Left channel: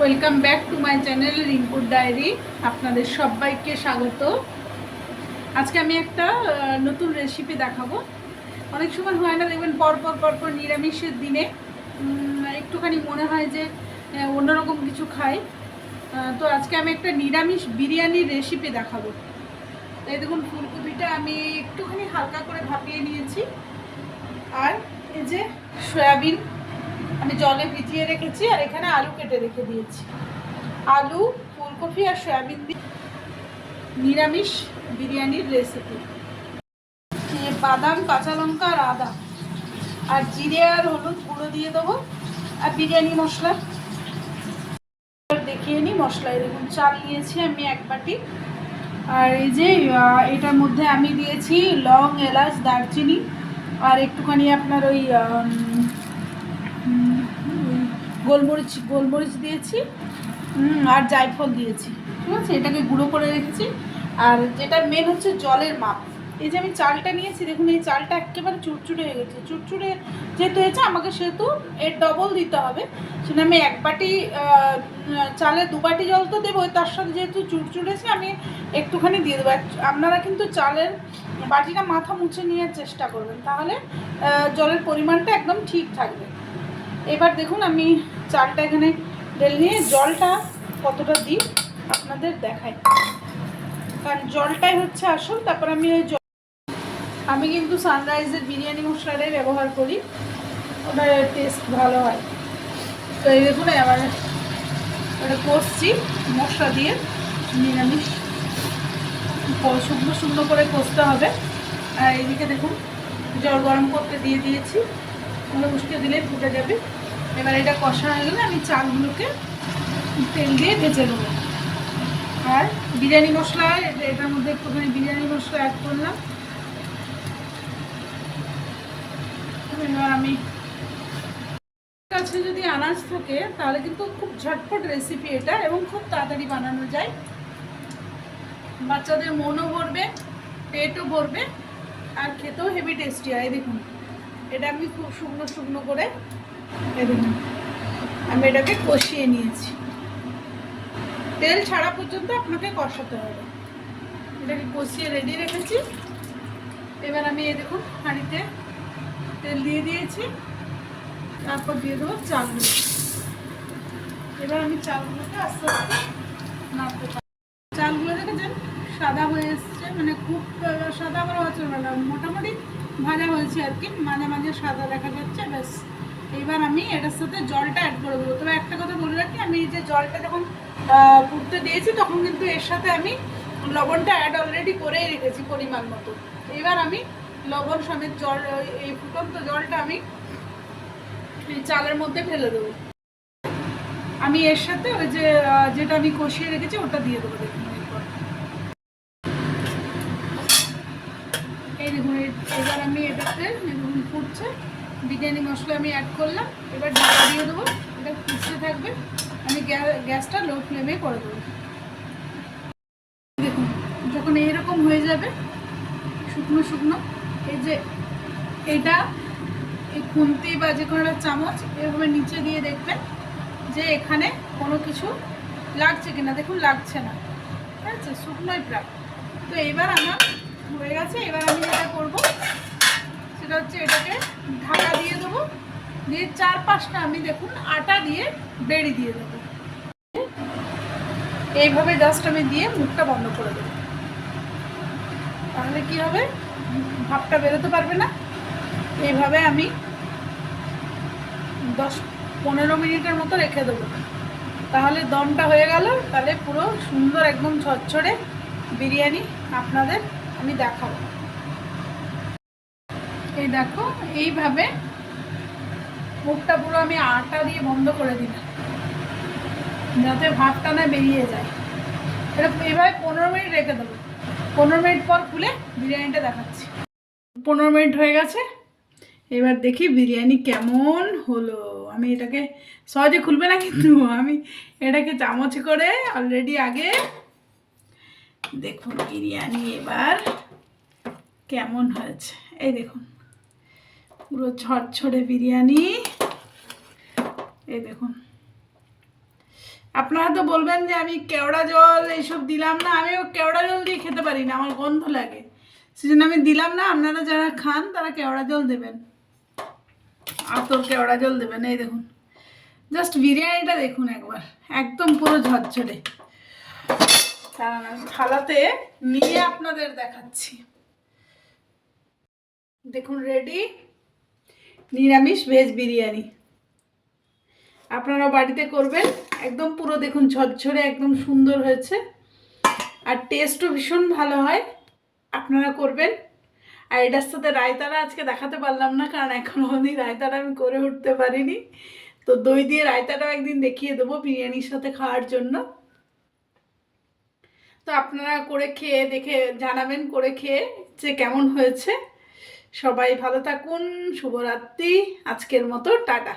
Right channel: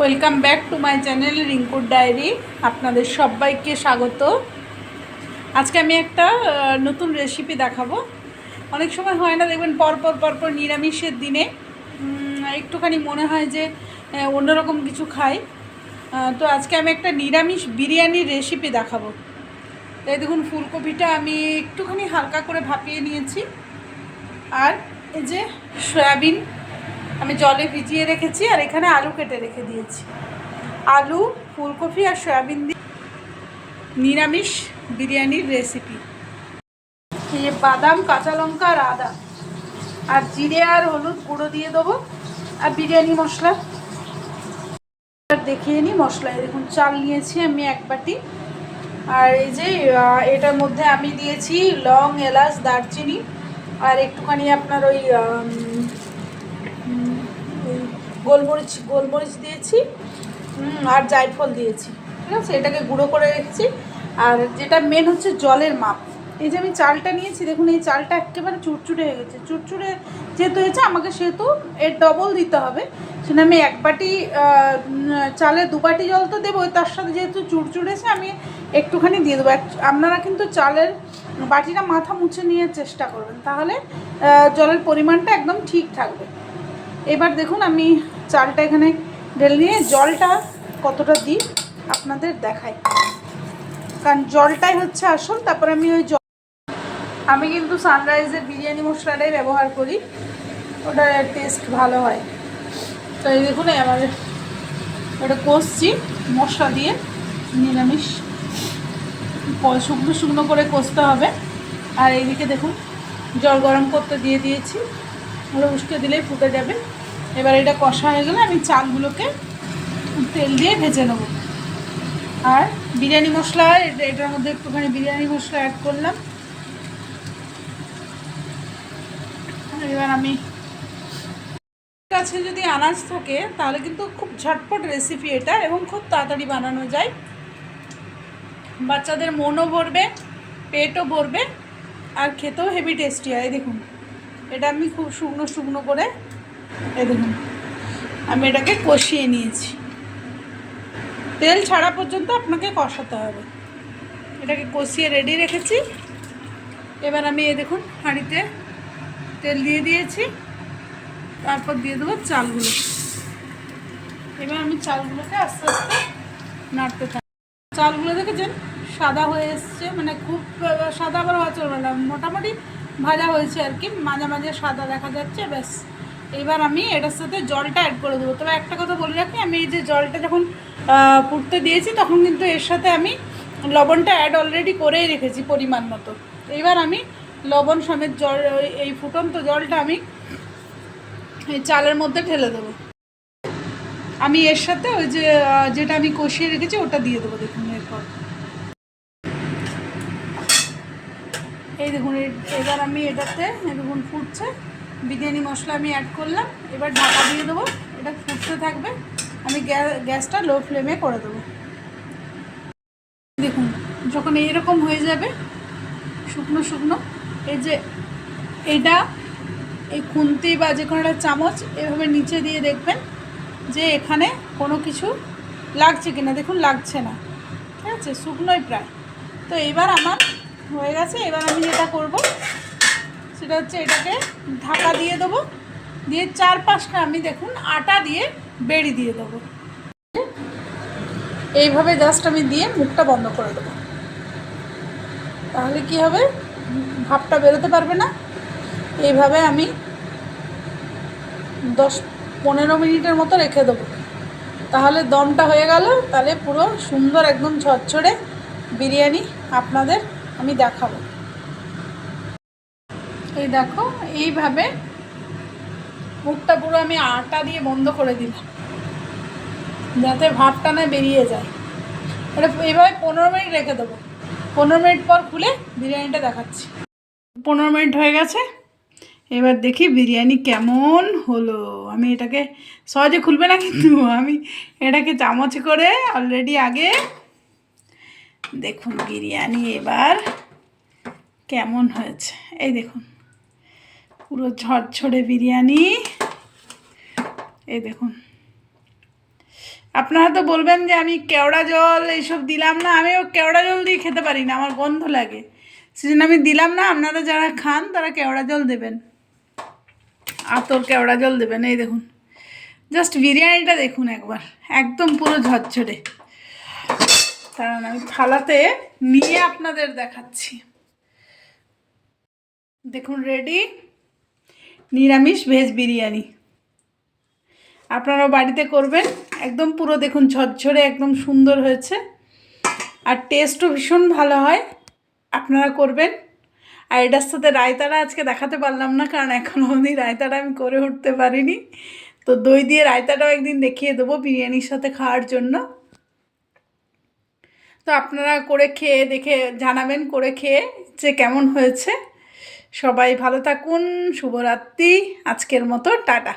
Welcome back to my channel রিঙ্কুর diary. আপনাদের সবাইকে স্বাগত। আজকে আমি একটা নতুন রেসিপি দেখাবো। অনেক সময় হয় না, দেখবেন পরপর নিরামিষের দিনে একটুখানি মনে হয় যে অন্যরকম কিছু খাই। তো আজকে আমি একটা নিরামিষ বিরিয়ানির রেসিপি দেখাবো। এই দেখুন, ফুলকপিটা আমি একটুখানি হালকা করে ভাপিয়ে নিয়েছি, আর এই যে সয়াবিন আমি জলে ভিজিয়ে রেখেছি, আর এখানে আলু কেটে রেখে দিয়েছি। আলু, ফুলকপি আর সয়াবিন দিয়ে নিরামিষ বিরিয়ানির রেসিপি। এই বাদাম, কাঁচা লঙ্কা আর আদা আর জিরে আর হলুদ গুঁড়ো দিয়ে দেবো, আর বিরিয়ানি মশলা দেখিয়ে নিই। মশলায় দেখুন, চাল নিয়েছি আমি 1 বাটি, আর এই যে এটার মধ্যে আমি দিয়েছি লং, এলাচ, দারচিনি, আর একটুখানি আপনার ওই গোলমরিচ দিয়েছি, আর জায়ফল দিয়েছি। ঠিক আছে, এটাকে গুঁড়ো করে রেখেছি। আর যেটা মেন হচ্ছে জলের মাপ। এই যে আমি চালটা নিয়েছি, দেখুন এই চালটা একেবারে চুরচুরে হয়ে গেছে। চুরচুরে যেহেতু হয়েছে, আমাকে সেহেতু এর ডবল দিতে হবে। সেটা আমি 1 বাটি চালে 2 বাটি জল তো দেবো, তার সাথে যেহেতু চুরচুরেছে আমি একটুখানি দিয়ে দেবো। আপনারা কিন্তু চালের বাটিটা মাথা মুছে নেওয়ার চেষ্টা করবেন, তাহলে জলের পরিমাণটা একদম ঠিক থাকবে। এবার দেখুন আমি চালটা এখানে ঢেলে নিয়ে জলটা কতটা দিই আপনাদের দেখাই, কারণ জলটাই হচ্ছে আসল। তারপর আমি কিন্তু সানরাইজের বিরিয়ানি মশলাটাই ব্যবহার করি, ওটার টেস্ট ভালো হয়। তো এই দেখুন আমার ওটা কষছি মশলা দিয়ে, নিরামিষ শুকনো করে কষতে হবে। আর এইদিকে দেখুন জল গরম করতে দিয়ে দিয়েছি, উস্কে দিলেই ফুটে যাবে। এবার এটা কষা হয়ে গেলে আমি চালগুলোকে তেল দিয়ে ভেজে নেবো। আর বিরিয়ানি মশলা, এটার মধ্যে একটুখানি বিরিয়ানি মশলা অ্যাড করলাম। এবার আমি কাছে যদি আনাজ থাকে তাহলে কিন্তু খুব ঝটপট রেসিপি এটা, এবং খুব তাড়াতাড়ি বানানো যায়। বাচ্চাদের মনও ভরবে, পেটও ভরবে, আর খেতেও হেভি টেস্টি হয়। দেখুন এটা আমি খুব শুকনো করে দেখুন আমি এটাকে কষিয়ে নিয়েছি। তেল ছাড়া পর্যন্ত আপনাকে কষাতে হবে। এটাকে কষিয়ে রেডি রেখেছি। এবার আমি দেখুন হাঁড়িতে তেল দিয়ে দিয়েছি, তারপর দিয়ে দেবো চালগুলো। এবার আমি চালগুলোকে আস্তে আস্তে নাড়তে থাকি। চালগুলো দেখেছেন সাদা হয়ে এসছে, মানে খুব সাদা আবার হওয়া চলবে না, মোটামুটি ভাজা হয়েছে আর কি, মাঝে মাঝে সাদা দেখা যাচ্ছে, ব্যাস। এবার আমি এটার সাথে জলটা অ্যাড করে দেবো। তবে একটা কথা বলে রাখি, আমি এই যে জলটা যখন ফুটতে দিয়েছি, তখন কিন্তু এর সাথে আমি লবণটা অ্যাড অলরেডি করেই রেখেছি পরিমাণ মতো। এবার আমি লবণ সমেত জল, এই ফুটন্ত জলটা আমি এই চালের মধ্যে ঢেলে দেবো। আমি এর সাথে ওই যে যেটা আমি কষিয়ে রেখেছি ওটা দিয়ে দেবো। দেখুন এরপর এই দেখুন, এবার আমি এটাতে দেখুন ফুটছে, বিরিয়ানি মশলা আমি অ্যাড করলাম। এবার ঢাকা দিয়ে দেবো, এটা ফুটতে থাকবে। আমি গ্যাসটা লো ফ্লেমে করে দেবো। দেখুন যখন এইরকম হয়ে যাবে শুকনো, এই যে এটা এই খুন্তি বা যে কোনো একটা চামচ এভাবে নিচে দিয়ে দেখবেন যে এখানে কোনো কিছু লাগছে কিনা। দেখুন লাগছে না, ঠিক আছে, শুকনোই প্রায়। তো এবার আমার হয়ে গেছে। এবার আমি যেটা করব সেটা হচ্ছে এটাকে ঢাকা দিয়ে দেবো, দিয়ে 4-5টা আমি দেখুন আটা দিয়ে বেড়ি দিয়ে দেবো। এইভাবে জাস্ট আমি দিয়ে মুখটা বন্ধ করে দেবো, তাহলে কি হবে, ভাপটা বেরোতে পারবে না। এইভাবে আমি 10-15 মিনিটের মতো রেখে দেবো, তাহলে দমটা হয়ে গেল। তাহলে পুরো সুন্দর একদম ঝরঝরে বিরিয়ানি আপনাদের আমি দেখাবো। এই দেখো এইভাবে মুখটা পুরো আমি আটা দিয়ে বন্ধ করে দিলাম, যাতে ভাতটা না বেরিয়ে যায়। এটা এইভাবে 15 মিনিট রেখে দেবো। 15 মিনিট পর খুলে বিরিয়ানিটা দেখাচ্ছি। 15 মিনিট হয়ে গেছে, এবার দেখি বিরিয়ানি কেমন হলো। আমি এটাকে সহজে খুলবে না, কিন্তু আমি এটাকে চামচ করে অলরেডি আগে দেখুন বিরিয়ানি এবার কেমন হয়েছে। এই দেখুন পুরো ঝরঝরে বিরিয়ানি, এই দেখুন আপনারা তো বলবেন যে আমি কেওড়া জল এইসব দিলাম না, আমিও কেওড়া জল দিয়ে খেতে পারি না, আমার গন্ধ লাগে, সেজন্য আমি দিলাম না। আপনারা যারা খান তারা কেওড়া জল দেবেন, আতর কেওড়া জল দেবেন। এই দেখুন, জাস্ট বিরিয়ানিটা দেখুন একবার, একদম পুরো ঝরঝরে। কারণ আমি থালাতে নিয়ে আপনাদের দেখাচ্ছি। দেখুন রেডি নিরামিষ ভেজ বিরিয়ানি। আপনারাও বাড়িতে করবেন, একদম পুরো দেখুন ঝরঝরে, একদম সুন্দর হয়েছে, আর টেস্টও ভীষণ ভালো হয়। আপনারা করবেন। আর এটার সাথে রায়তাটা আজকে দেখাতে পারলাম না, কারণ এখনও অবধি রায়তাটা আমি করে উঠতে পারিনি। তো দই দিয়ে রায়তাটাও একদিন দেখিয়ে দেবো বিরিয়ানির সাথে খাওয়ার জন্য। তো আপনারা করে খেয়ে দেখে জানাবেন, করে খেয়ে যে কেমন হয়েছে। সবাই ভালো থাকুন, শুভরাত্রি, আজকের মতো টাটা।